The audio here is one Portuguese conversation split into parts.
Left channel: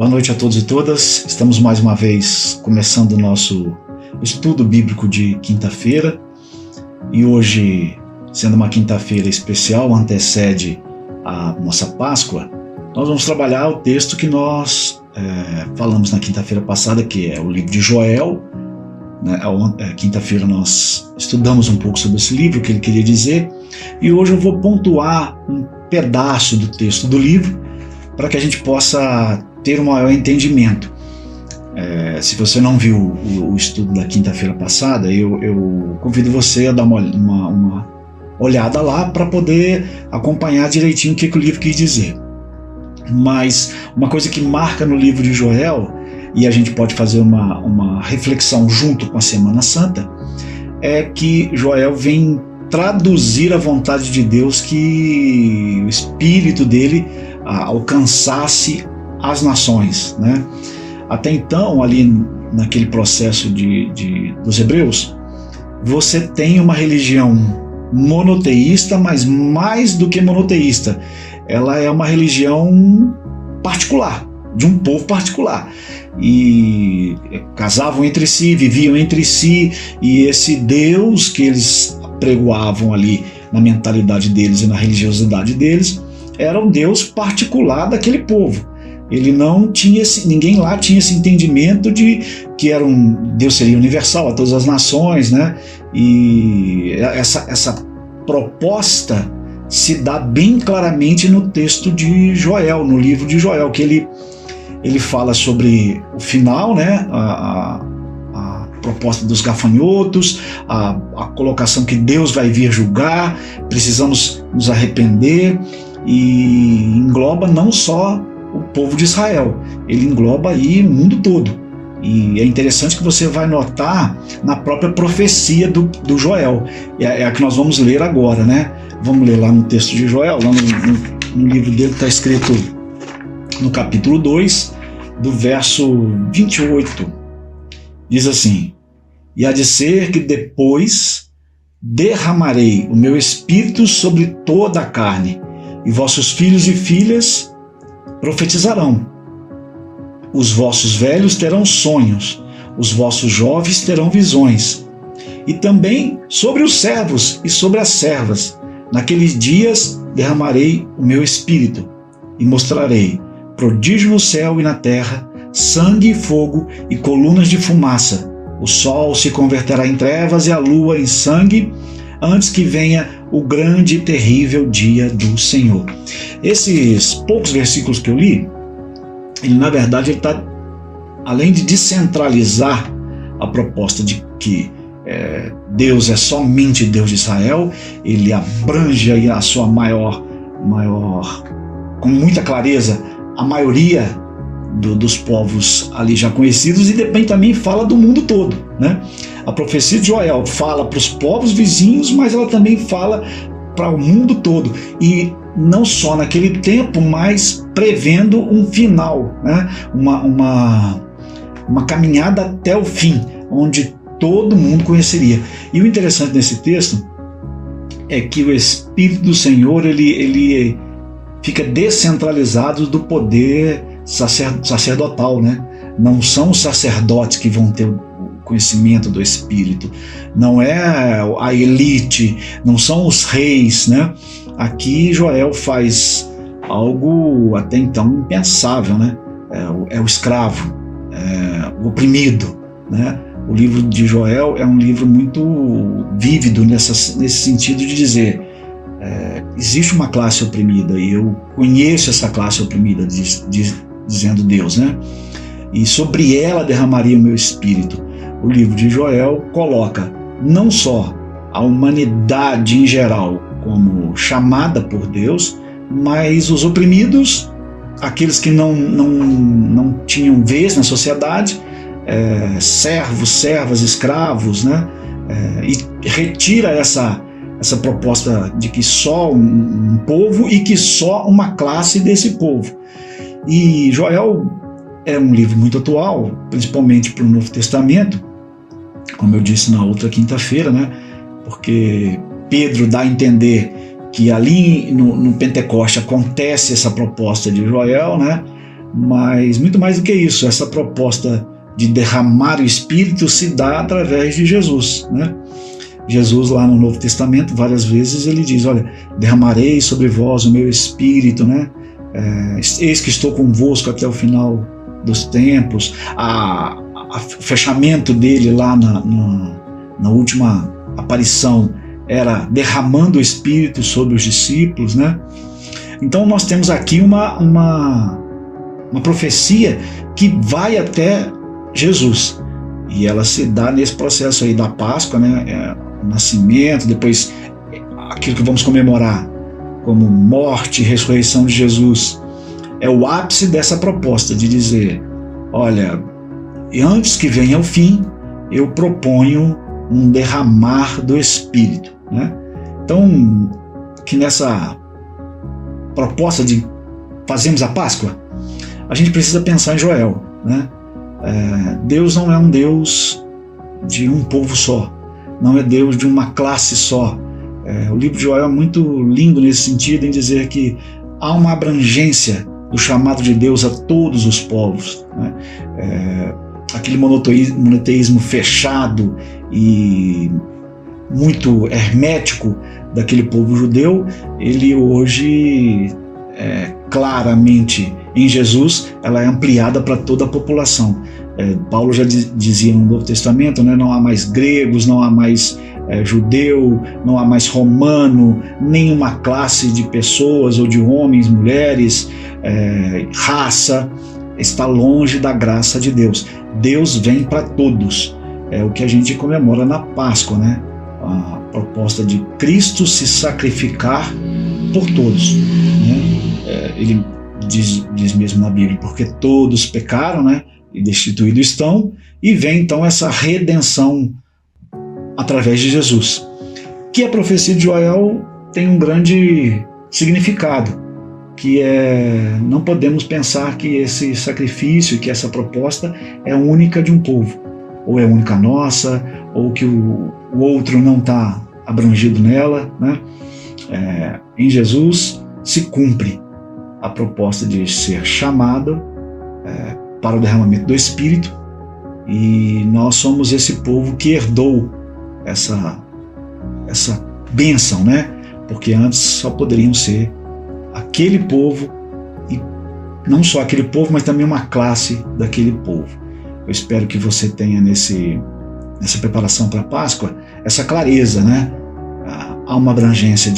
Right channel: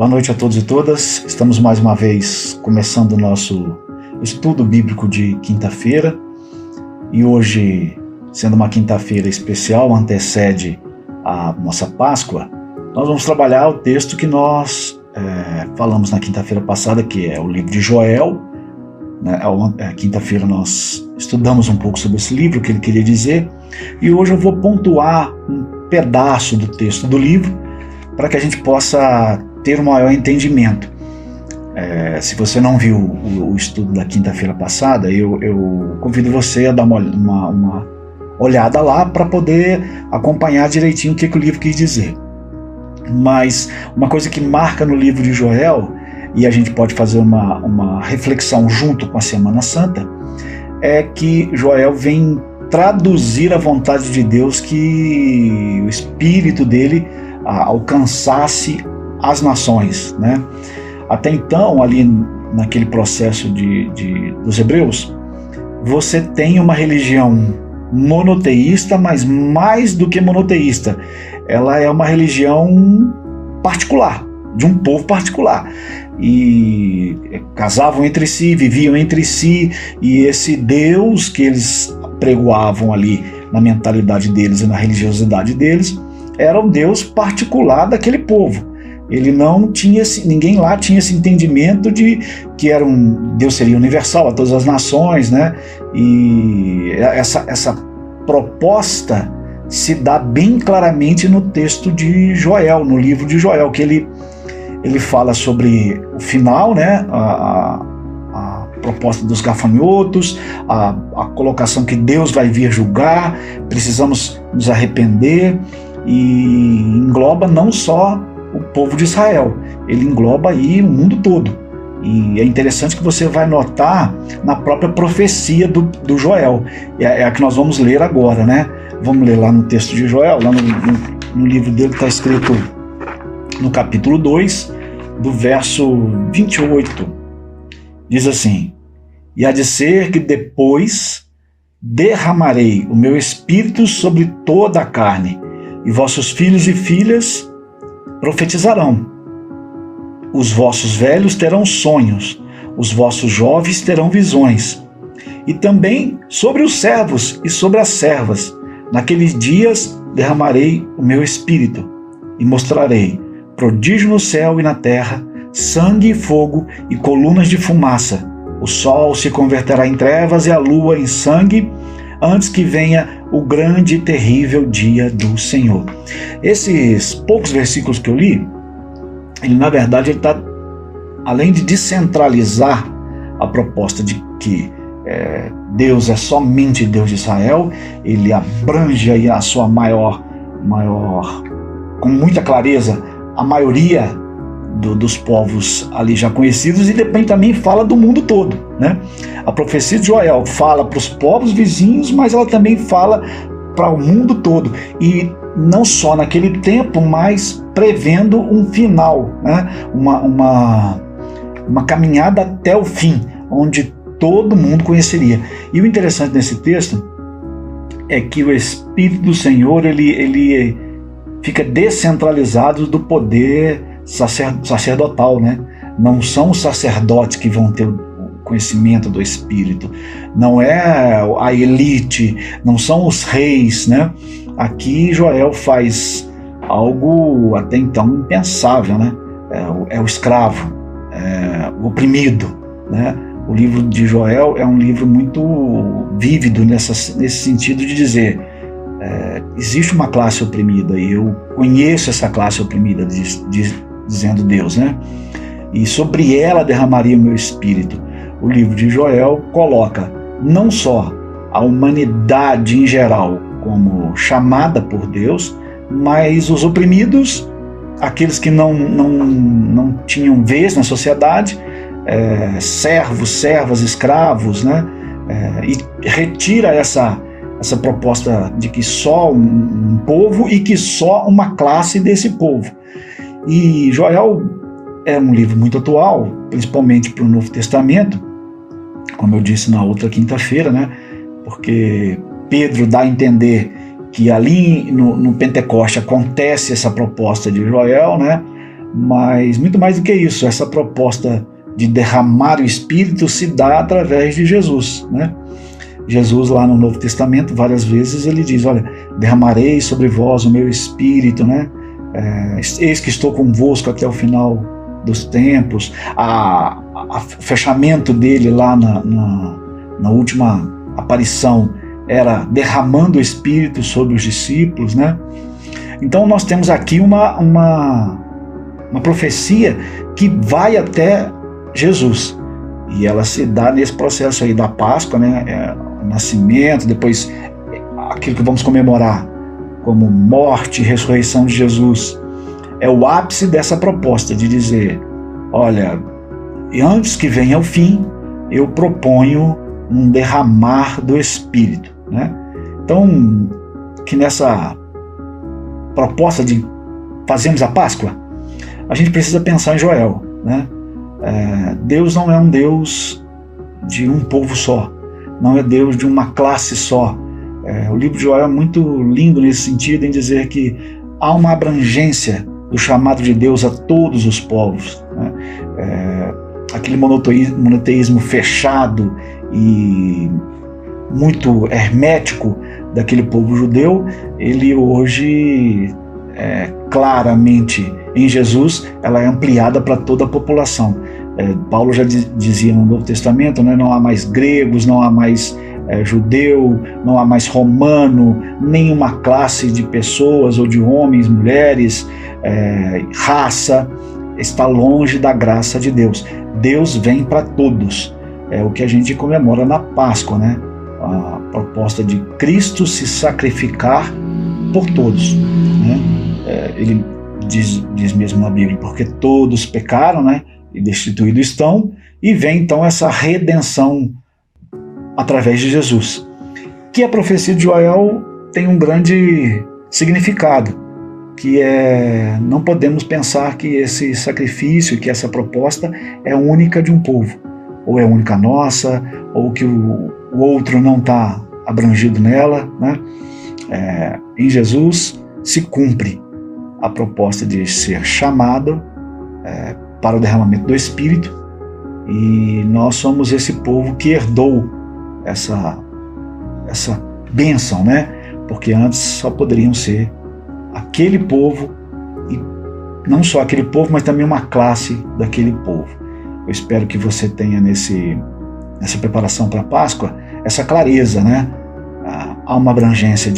Boa noite a todos e todas. Estamos mais uma vez começando o nosso estudo bíblico de quinta-feira. E hoje, sendo uma quinta-feira especial, antecede a nossa Páscoa, nós vamos trabalhar o texto que nós falamos na quinta-feira passada, que é o livro de Joel. Quinta-feira nós estudamos um pouco sobre esse livro, o que ele queria dizer, e hoje eu vou pontuar um pedaço do texto do livro para que a gente possa ter um maior entendimento. Se você não viu o estudo da quinta-feira passada, eu convido você a dar uma olhada lá para poder acompanhar direitinho o que o livro quis dizer. Mas uma coisa que marca no livro de Joel, e a gente pode fazer uma reflexão junto com a Semana Santa, é que Joel vem traduzir a vontade de Deus, que o Espírito dele alcançasse as nações, né? Até então, ali naquele processo dos hebreus, você tem uma religião monoteísta, mas mais do que monoteísta, ela é uma religião particular, de um povo particular, e casavam entre si, viviam entre si, e esse Deus que eles pregoavam ali na mentalidade deles e na religiosidade deles era um Deus particular daquele povo. Ele não tinha, ninguém lá tinha esse entendimento de que Deus seria universal a todas as nações, né? E essa proposta se dá bem claramente no texto de Joel, no livro de Joel, que ele fala sobre o final, né? A proposta dos gafanhotos, a colocação que Deus vai vir julgar, precisamos nos arrepender, e engloba não só o povo de Israel, ele engloba aí o mundo todo. E é interessante que você vai notar na própria profecia do Joel, é a que nós vamos ler agora, né? Vamos ler lá no texto de Joel, lá no livro dele está escrito no capítulo 2, do verso 28, diz assim: "E há de ser que depois derramarei o meu espírito sobre toda a carne, e vossos filhos e filhas profetizarão. Os vossos velhos terão sonhos, os vossos jovens terão visões. E também sobre os servos e sobre as servas, naqueles dias derramarei o meu espírito, e mostrarei prodígio no céu e na terra, sangue e fogo e colunas de fumaça. O sol se converterá em trevas e a lua em sangue, antes que venha o grande e terrível dia do Senhor." Esses poucos versículos que eu li, ele na verdade está, além de descentralizar a proposta de que Deus é somente Deus de Israel, ele abrange aí a sua maior, com muita clareza, a maioria dos povos ali já conhecidos, e depois também fala do mundo todo, né? A profecia de Joel fala para os povos vizinhos, mas ela também fala para o mundo todo, e não só naquele tempo, mas prevendo um final, né? uma caminhada até o fim, onde todo mundo conheceria. E o interessante nesse texto é que o Espírito do Senhor ele fica descentralizado do poder sacerdotal, né? Não são os sacerdotes que vão ter o conhecimento do Espírito, não é a elite, não são os reis, né? Aqui Joel faz algo até então impensável, né? É o escravo, o oprimido, né? O livro de Joel é um livro muito vívido nesse sentido de dizer, existe uma classe oprimida, e eu conheço essa classe oprimida, dizendo Deus, né? E sobre ela derramaria o meu espírito. O livro de Joel coloca não só a humanidade em geral como chamada por Deus, mas os oprimidos, aqueles que não tinham vez na sociedade, servos, servas, escravos, né? E retira essa proposta de que só um povo e que só uma classe desse povo. E Joel é um livro muito atual, principalmente para o Novo Testamento, como eu disse na outra quinta-feira, né? Porque Pedro dá a entender que ali no Pentecoste acontece essa proposta de Joel, né? Mas muito mais do que isso, essa proposta de derramar o Espírito se dá através de Jesus, né? Jesus lá no Novo Testamento, várias vezes ele diz, olha, derramarei sobre vós o meu Espírito, né? Eis que estou convosco até o final dos tempos. O fechamento dele lá na última aparição era derramando o Espírito sobre os discípulos, né? Então nós temos aqui uma profecia que vai até Jesus, e ela se dá nesse processo aí da Páscoa, né? O nascimento, depois aquilo que vamos comemorar como morte e ressurreição de Jesus, é o ápice dessa proposta de dizer, olha, antes que venha o fim, eu proponho um derramar do Espírito, né? Então, que nessa proposta de fazermos a Páscoa, a gente precisa pensar em Joel, né? Deus não é um Deus de um povo só, não é Deus de uma classe só. O livro de Joel é muito lindo nesse sentido, em dizer que há uma abrangência do chamado de Deus a todos os povos, né? Aquele monoteísmo fechado e muito hermético daquele povo judeu, ele hoje, claramente, em Jesus, ela é ampliada para toda a população. Paulo já dizia no Novo Testamento, né, não há mais gregos, não há mais judeu, não há mais romano, nenhuma classe de pessoas ou de homens, mulheres, raça, está longe da graça de Deus. Deus vem para todos. É o que a gente comemora na Páscoa, né? A proposta de Cristo se sacrificar por todos, né? Ele diz mesmo na Bíblia, porque todos pecaram, né? E destituídos estão, e vem então essa redenção através de Jesus. Que a profecia de Joel tem um grande significado, que não podemos pensar que esse sacrifício, que essa proposta é única de um povo, ou é única nossa, ou que o outro não está abrangido nela, né? Em Jesus se cumpre a proposta de ser chamado para o derramamento do Espírito, e nós somos esse povo que herdou essa bênção, né? Porque antes só poderiam ser aquele povo, e não só aquele povo, mas também uma classe daquele povo. Eu espero que você tenha nessa preparação para a Páscoa essa clareza, né? Há uma abrangência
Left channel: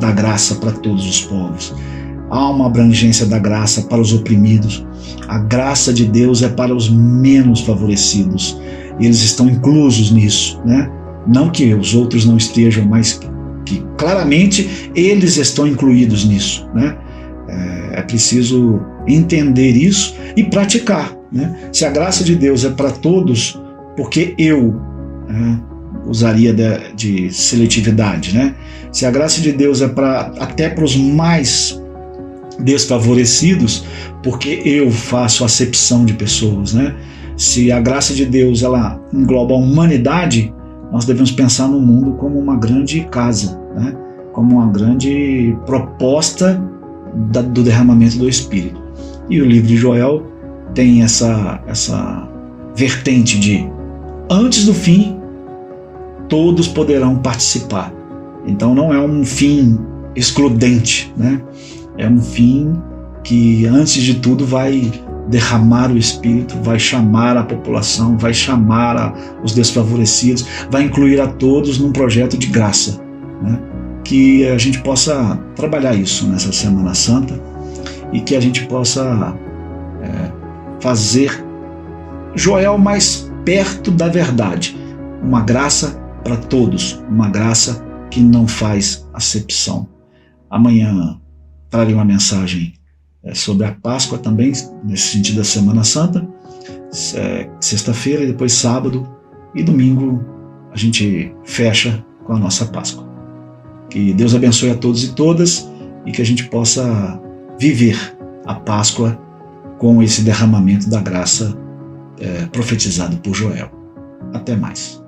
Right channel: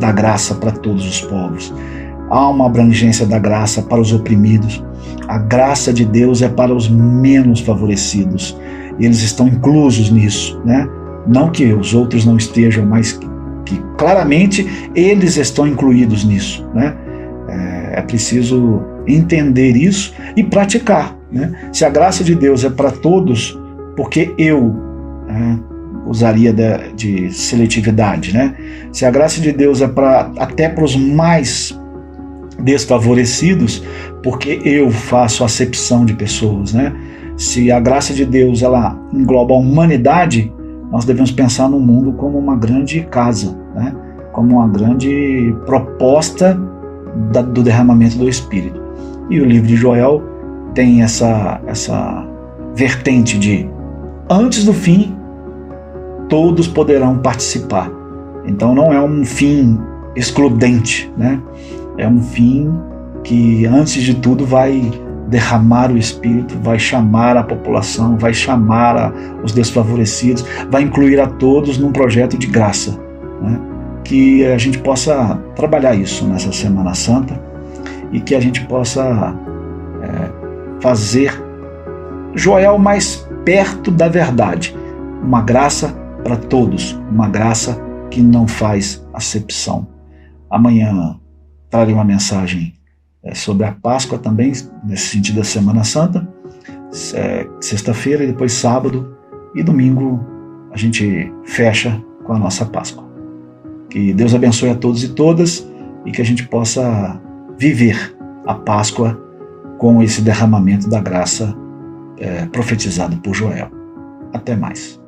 da graça para todos os povos. Há uma abrangência da graça para os oprimidos. A graça de Deus é para os menos favorecidos, e eles estão inclusos nisso, né? Não que os outros não estejam, mas que claramente eles estão incluídos nisso, né? É preciso entender isso e praticar, né? Se a graça de Deus é para todos, porque eu usaria de seletividade, né? Se a graça de Deus é até para os mais desfavorecidos, porque eu faço acepção de pessoas, né? Se a graça de Deus ela engloba a humanidade, nós devemos pensar no mundo como uma grande casa, né? Como uma grande proposta do derramamento do Espírito. E o livro de Joel tem essa vertente de antes do fim todos poderão participar. Então não é um fim excludente, né? É um fim que antes de tudo vai derramar o Espírito, vai chamar a população, vai chamar os desfavorecidos, vai incluir a todos num projeto de graça, né? Que a gente possa trabalhar isso nessa Semana Santa e que a gente possa fazer Joel mais perto da verdade, uma graça para todos, uma graça que não faz acepção. Amanhã trarei uma mensagem sobre a Páscoa também, nesse sentido da Semana Santa, sexta-feira e depois sábado, e domingo a gente fecha com a nossa Páscoa. Que Deus abençoe a todos e todas e que a gente possa viver a Páscoa com esse derramamento da graça profetizado por Joel. Até mais.